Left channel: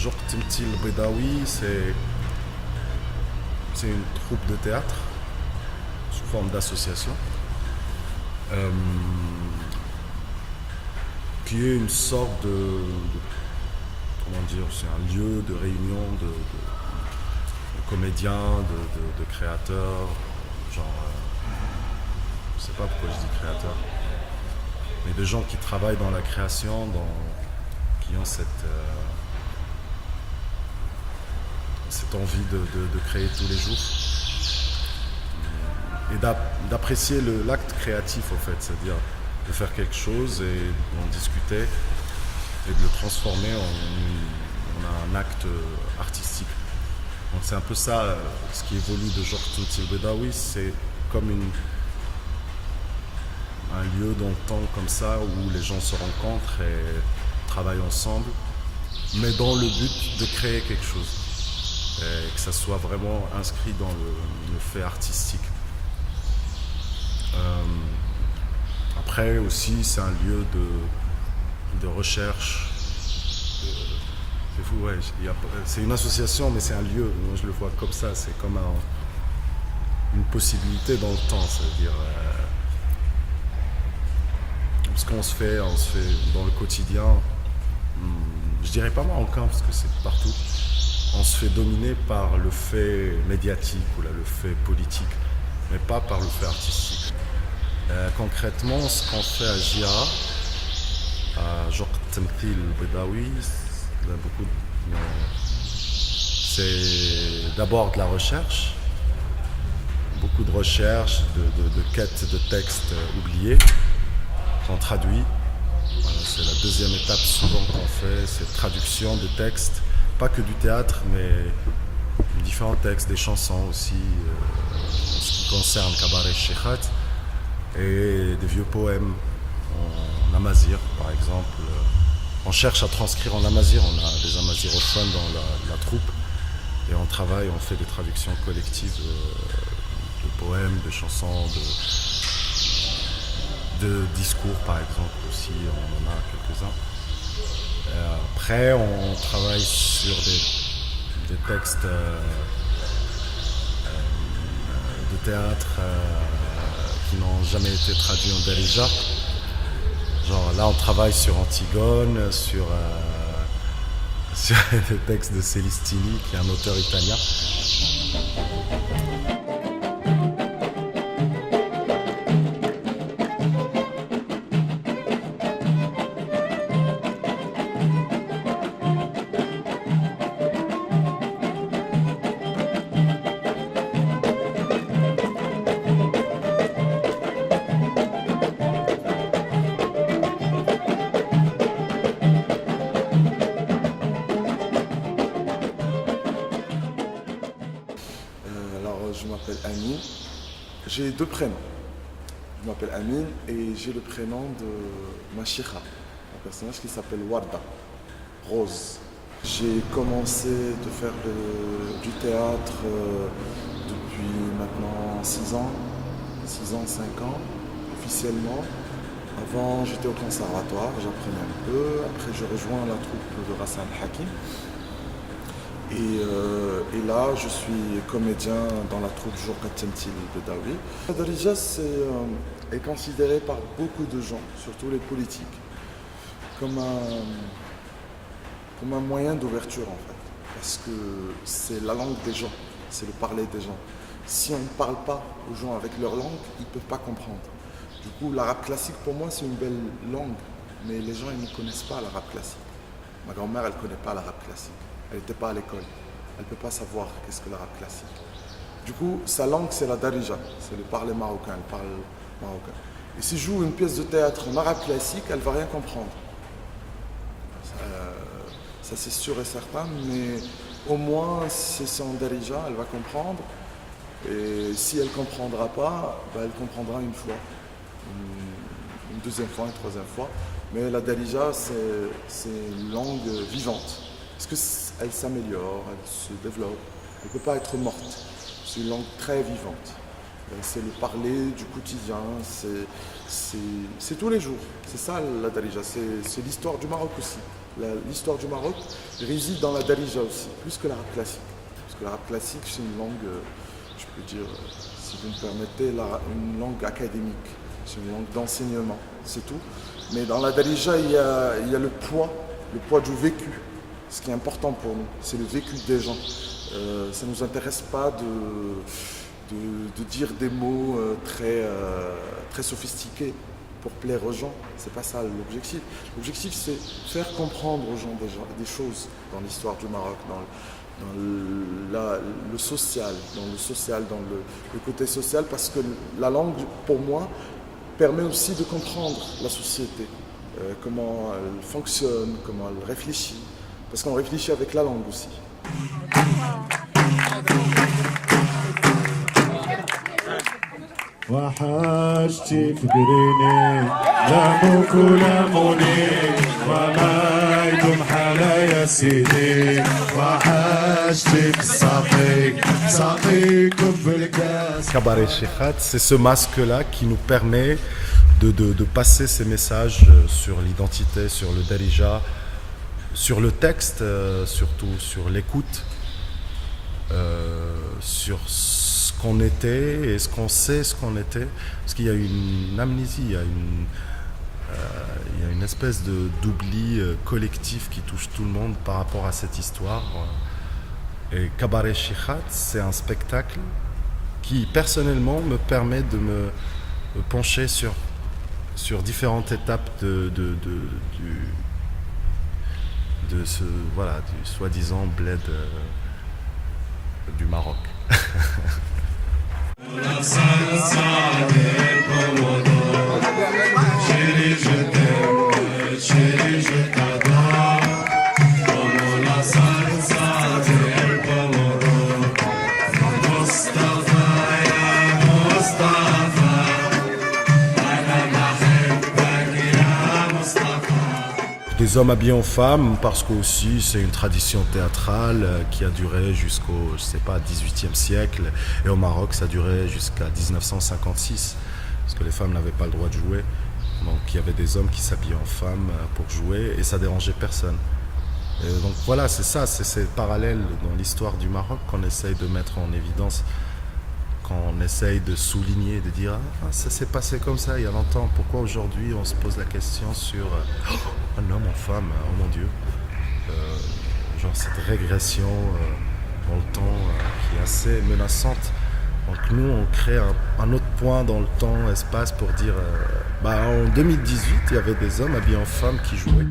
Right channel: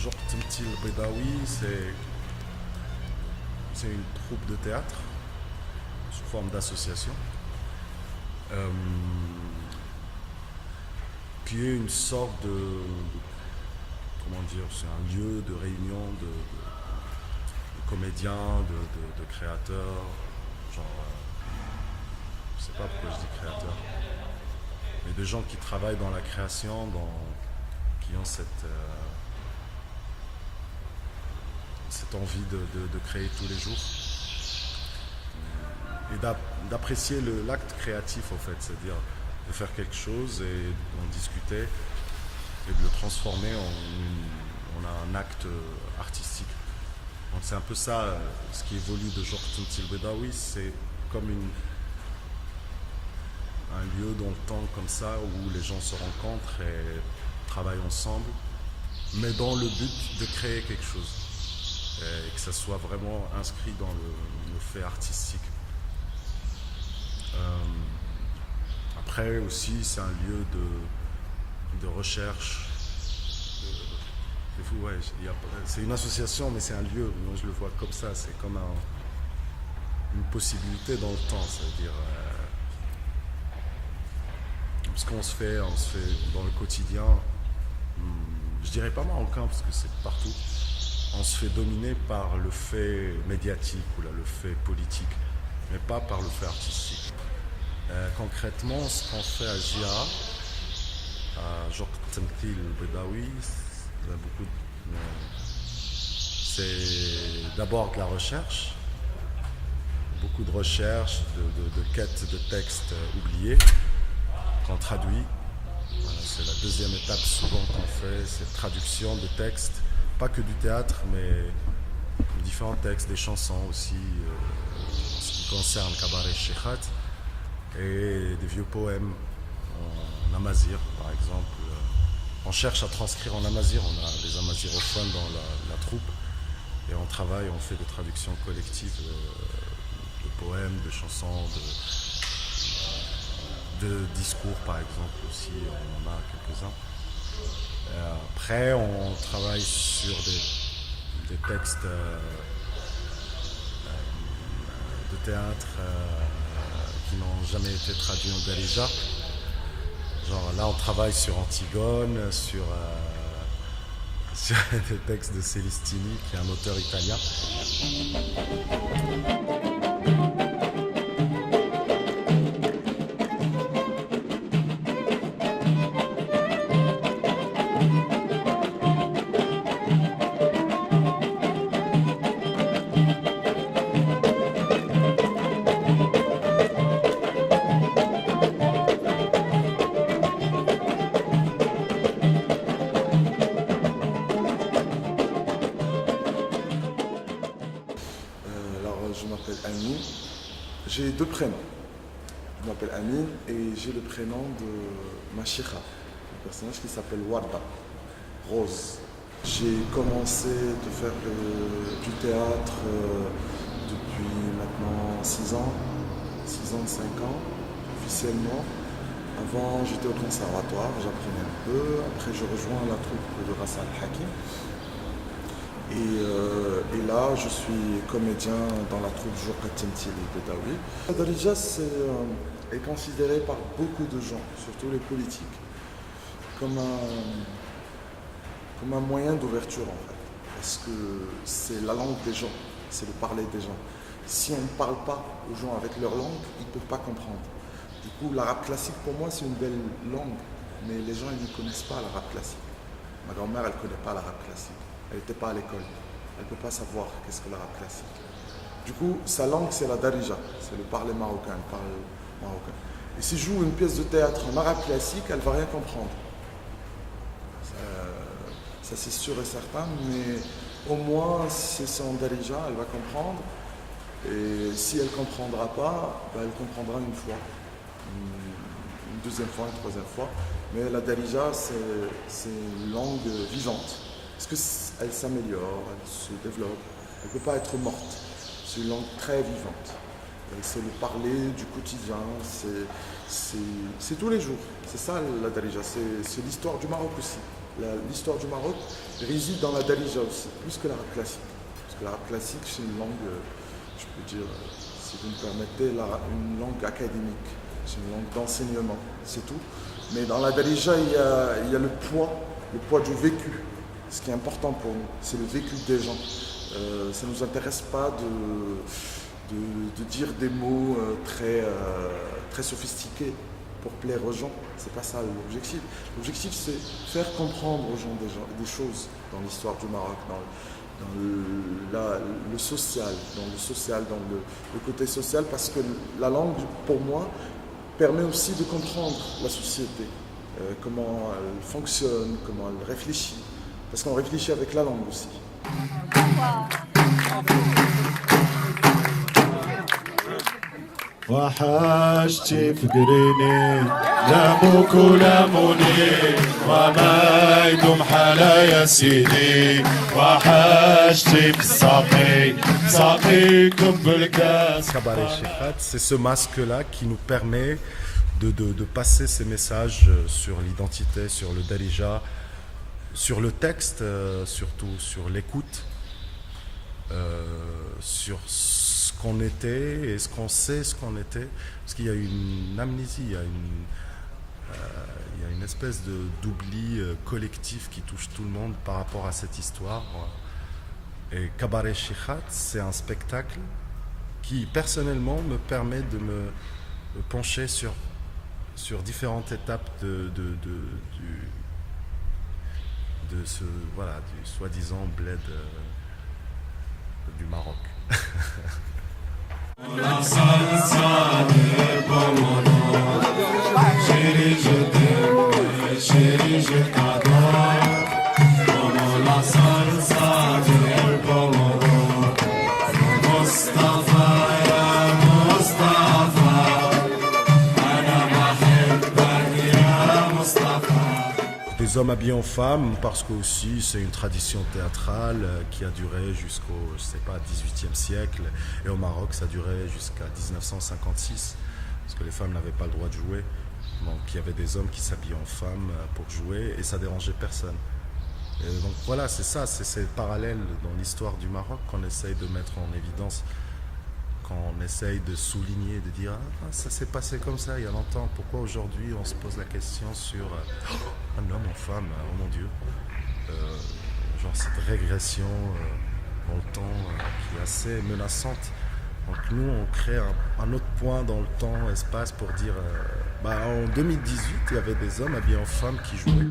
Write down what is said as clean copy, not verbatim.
Genre Temtil Bedawi, c'est une troupe de théâtre sous forme d'association euh, qui est une sorte comment dire, c'est un lieu de réunion de comédiens, de créateurs, genre, je sais pas pourquoi je dis créateurs, mais de gens qui travaillent dans la création, qui ont cette envie de créer tous les jours et d'apprécier l'acte créatif, au fait, c'est-à-dire de faire quelque chose et d'en discuter et de le transformer en un acte artistique. Donc c'est un peu ça, ce qui évolue de Georges Temtil Bedawi, c'est comme un lieu dans le temps comme ça où les gens se rencontrent et travaillent ensemble, mais dans le but de créer quelque chose et que ça soit vraiment inscrit dans le fait artistique. Après aussi, c'est un lieu de recherche. C'est fou, ouais. C'est une association, mais c'est un lieu. Moi, je le vois comme ça. C'est comme une possibilité dans le temps. C'est-à-dire, ce qu'on se fait dans le quotidien. Je dirais pas marocain parce que c'est partout. On se fait dominer par le fait médiatique ou là, le fait politique, mais pas par le fait artistique. Concrètement, ce qu'on fait à JA, à Jok Temtil Bedawi, c'est d'abord de la recherche, beaucoup de recherche, de quêtes de textes oubliés qu'on traduit. Voilà, c'est la deuxième étape souvent qu'on fait, c'est traduction de textes, pas que du théâtre, mais différents textes, des chansons aussi, en ce qui concerne Cabaret Shekhat, et des vieux poèmes en amazigh, par exemple. On cherche à transcrire en amazigh, on a des amazigrophones dans la troupe, et on travaille, on fait des traductions collectives de poèmes, de chansons, de discours, par exemple, aussi, on en a quelques-uns. Après, on travaille sur des textes de théâtre qui n'ont jamais été traduits en darija. Genre là, on travaille sur Antigone, sur des textes de Celestini, qui est un auteur italien. Je m'appelle Amine. J'ai deux prénoms. Je m'appelle Amine et j'ai le prénom de ma chikha, un personnage qui s'appelle Warda, Rose. J'ai commencé de faire du théâtre depuis maintenant 6 ans, 5 ans, officiellement. Avant, j'étais au conservatoire, j'apprenais un peu. Après, je rejoins la troupe de Ghassan Hakim. Et là, je suis comédien dans la troupe Jok Temtil Bedawi. La darija est considéré par beaucoup de gens, surtout les politiques, comme un moyen d'ouverture en fait. Parce que c'est la langue des gens, c'est le parler des gens. Si on ne parle pas aux gens avec leur langue, ils ne peuvent pas comprendre. Du coup, l'arabe classique pour moi c'est une belle langue, mais les gens ils ne connaissent pas l'arabe classique. Ma grand-mère elle ne connaît pas l'arabe classique. Elle n'était pas à l'école. Elle ne peut pas savoir qu'est-ce que l'arabe classique. Du coup, sa langue, c'est la darija. C'est le parler marocain. Elle parle marocain. Et si je joue une pièce de théâtre en arabe classique, elle ne va rien comprendre. Ça c'est sûr et certain. Mais au moins, si c'est en darija, elle va comprendre. Et si elle ne comprendra pas, ben, elle comprendra une fois. Une deuxième fois, une troisième fois. Mais la darija, c'est une langue vivante. Parce qu'elle s'améliore, elle se développe, elle ne peut pas être morte. C'est une langue très vivante. C'est le parler du quotidien, c'est tous les jours. C'est ça la darija, c'est l'histoire du Maroc aussi. L'histoire du Maroc réside dans la darija aussi, plus que l'arabe classique. Parce que l'arabe classique, c'est une langue, je peux dire, si vous me permettez, une langue académique. C'est une langue d'enseignement, c'est tout. Mais dans la darija, il y a le poids du vécu. Ce qui est important pour nous, c'est le vécu des gens. Ça ne nous intéresse pas de dire des mots très sophistiqués pour plaire aux gens. C'est pas ça l'objectif. L'objectif, c'est faire comprendre aux gens des choses dans l'histoire du Maroc, dans le social, dans le côté social, parce que la langue, pour moi, permet aussi de comprendre la société, comment elle fonctionne, comment elle réfléchit, parce qu'on réfléchit avec la langue aussi. وحشتي فكريني لابوك ولاموني وما يدوم حلا يا سيدي وحشتي بساقيكم بالكاس. Cabaret Shekhat, c'est ce masque-là qui nous permet de passer ces messages sur l'identité, sur le darija, sur le texte, surtout sur l'écoute, sur ce qu'on était et ce qu'on sait ce qu'on était, parce qu'il y a une amnésie, il y a une espèce d'oubli collectif qui touche tout le monde par rapport à cette histoire. Et Cabaret Shekhat, c'est un spectacle qui personnellement me permet de me pencher sur différentes étapes du soi-disant bled du Maroc. Des hommes habillés en femmes, parce que aussi c'est une tradition théâtrale qui a duré jusqu'au, je sais pas, 18e siècle. Et au Maroc, ça a duré jusqu'à 1956, parce que les femmes n'avaient pas le droit de jouer. Donc il y avait des hommes qui s'habillaient en femmes pour jouer, et ça dérangeait personne. Et donc voilà, c'est ça, c'est ces parallèles dans l'histoire du Maroc qu'on essaye de mettre en évidence, qu'on essaye de souligner, de dire « Ah, ça s'est passé comme ça il y a longtemps, pourquoi aujourd'hui on se pose la question sur un homme en femme, oh mon Dieu ?» Genre cette régression dans le temps qui est assez menaçante. Donc nous, on crée un autre point dans le temps, espace pour dire en 2018, il y avait des hommes habillés en femmes qui jouaient.